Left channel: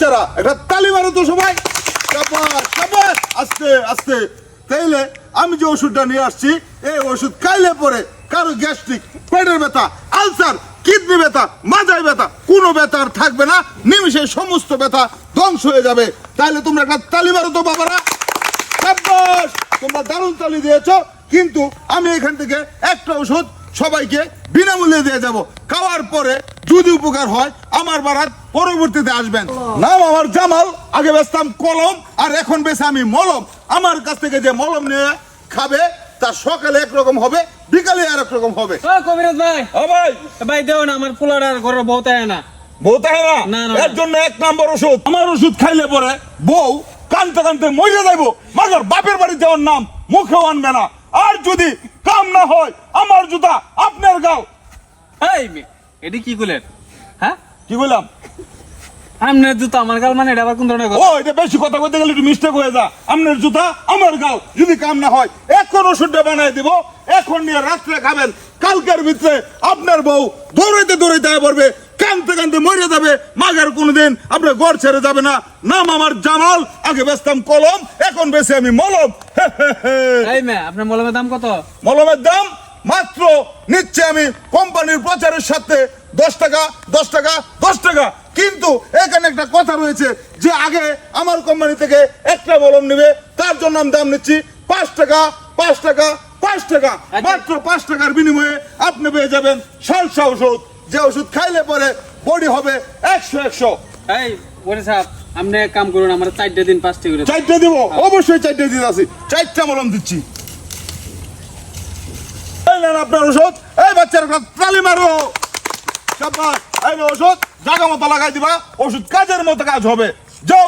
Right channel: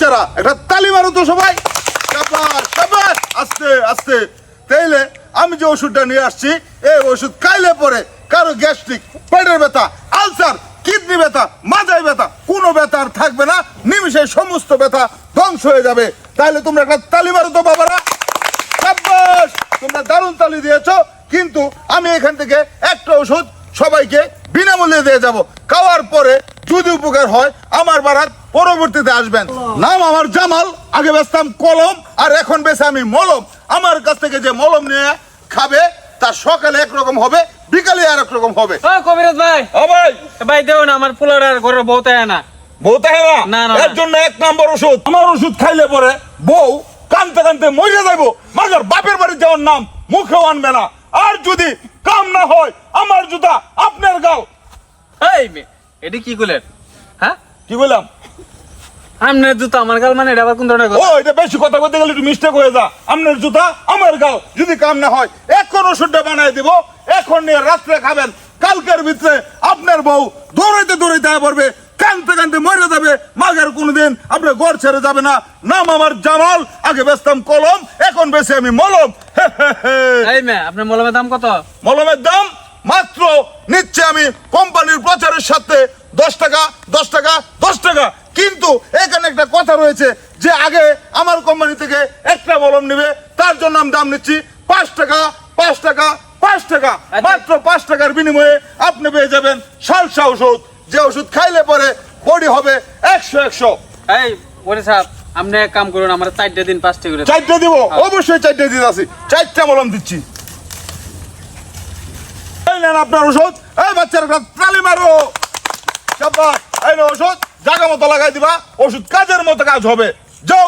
বাচ্চারা একটা তালি মারো তো সবাই। শাবাশ শাবাশ, আস্তে আস্তে। তাইলে আমি যে ওষুধটা নিয়ে আসছি, এই ওষুধ খাইলে পরে কারো গ্যাস্ট্রিক, পেটের ব্যথা, আলসার, কিডনি ব্যথা, মাথায় ব্যথা, কোনো ব্যথা আর থাকবে না। নিমিষে সমস্ত ব্যথা ধ্বংস হয়ে যাবে। তাইলে তোমরা একটা তালি মারো তো বাবারা। শাবাশ, তোমরা দারুণ তালি দিয়েছো। কিন্তু আমি এখান থেকে একটা ওষুধ সবাইকে বিনামূল্যে দিয়ে যাব। খাওয়ার পরে যদি উপকার হয় আমার বারাত পরবর্তীতে আসবেন। নাম আমার জামাল, আগে বেচতাম কলম আর এখন বেচে আমি মলম। আমার কাছ থেকে যে মলম নিয়ে খাবে তার সকালে একরকম হবে, বিকালে আর এক রকম হবে। কবিরাজ ভাই, ও ভাই, ভাই দেও না, আমার ফুলের আর ঘরের বউ তাই না। বউ তাই না? না, না, এর জন্য এক নম্বর ওষুধ। আমার ওষুধ খাইলে পরে বউ কানতে কানতে মরে যাইবো, মাজার বাপের বাড়ি যাওয়ার নাম মুখেও আনবে না। আর যদি কাম না হয় আমার জুতা আপনার গাও। এই এটি কি করলেন? হ্যাঁ, কি বললাম? আপনার জুতা আমার গাল, মানে এটা আবার কোন ধরনের ও, কথা? এটা বেশি কথা বলতে গেলে একটু মিস্টেক হয়ে যা। আপনার জুতা আমার গাও, যদি কাম না হয় এখন ওষুধটা বানাই দিব, এখন নিয়ে রাত্রে খাবেন। কালকের ভিতরে আপনার বউ দৌড়াইতে দৌড়াইতে আয় পড়বে, কানতে কানতে মরে যাবে, মাগের কোনোদিন আপনার ঘর ছেড়ে যাবে না। নাম আমার জামাল, আগে বেচতাম কলম, এখন বেশি আমি মলম। এই মে, আপনার মলমের দাম কত? মলমের দাম মাত্র নিচ্ছে আমি কোম্পানির প্রচারের সাথে 10 টাকা 10 টাকা 10 টাকা। কিন্তু এখানে একটা কথা রয়েছে যে আগে আমার কোম্পানি থেকে একটা মলম নেবে, তার জন্য আমি দাম নিচ্ছি 5 টাকা 5 টাকা 5 টাকা। মাত্র 5 টাকার বিনিময়ে আপনি পেয়ে যাবেন সালসা ওষুধ, যে ওষুধ খাইলে পরে বডি হবে 100। এই ওরে সাহেব, আপনি এক কাম করুন, আমার 4 দিন 5টা করে 4টা দিব, অবশ্যই 4টা দিতে আছি। 4টা মলম দিচ্ছি। এই নেন আপনার ওষুধ। এই বাচ্চার একটা তালি মারো। শাবাশ, এই না ওষুধ, জায়গা মতো লাগাই দিবা, ওষুধ কাজের মতো কাজ হবে। যাও।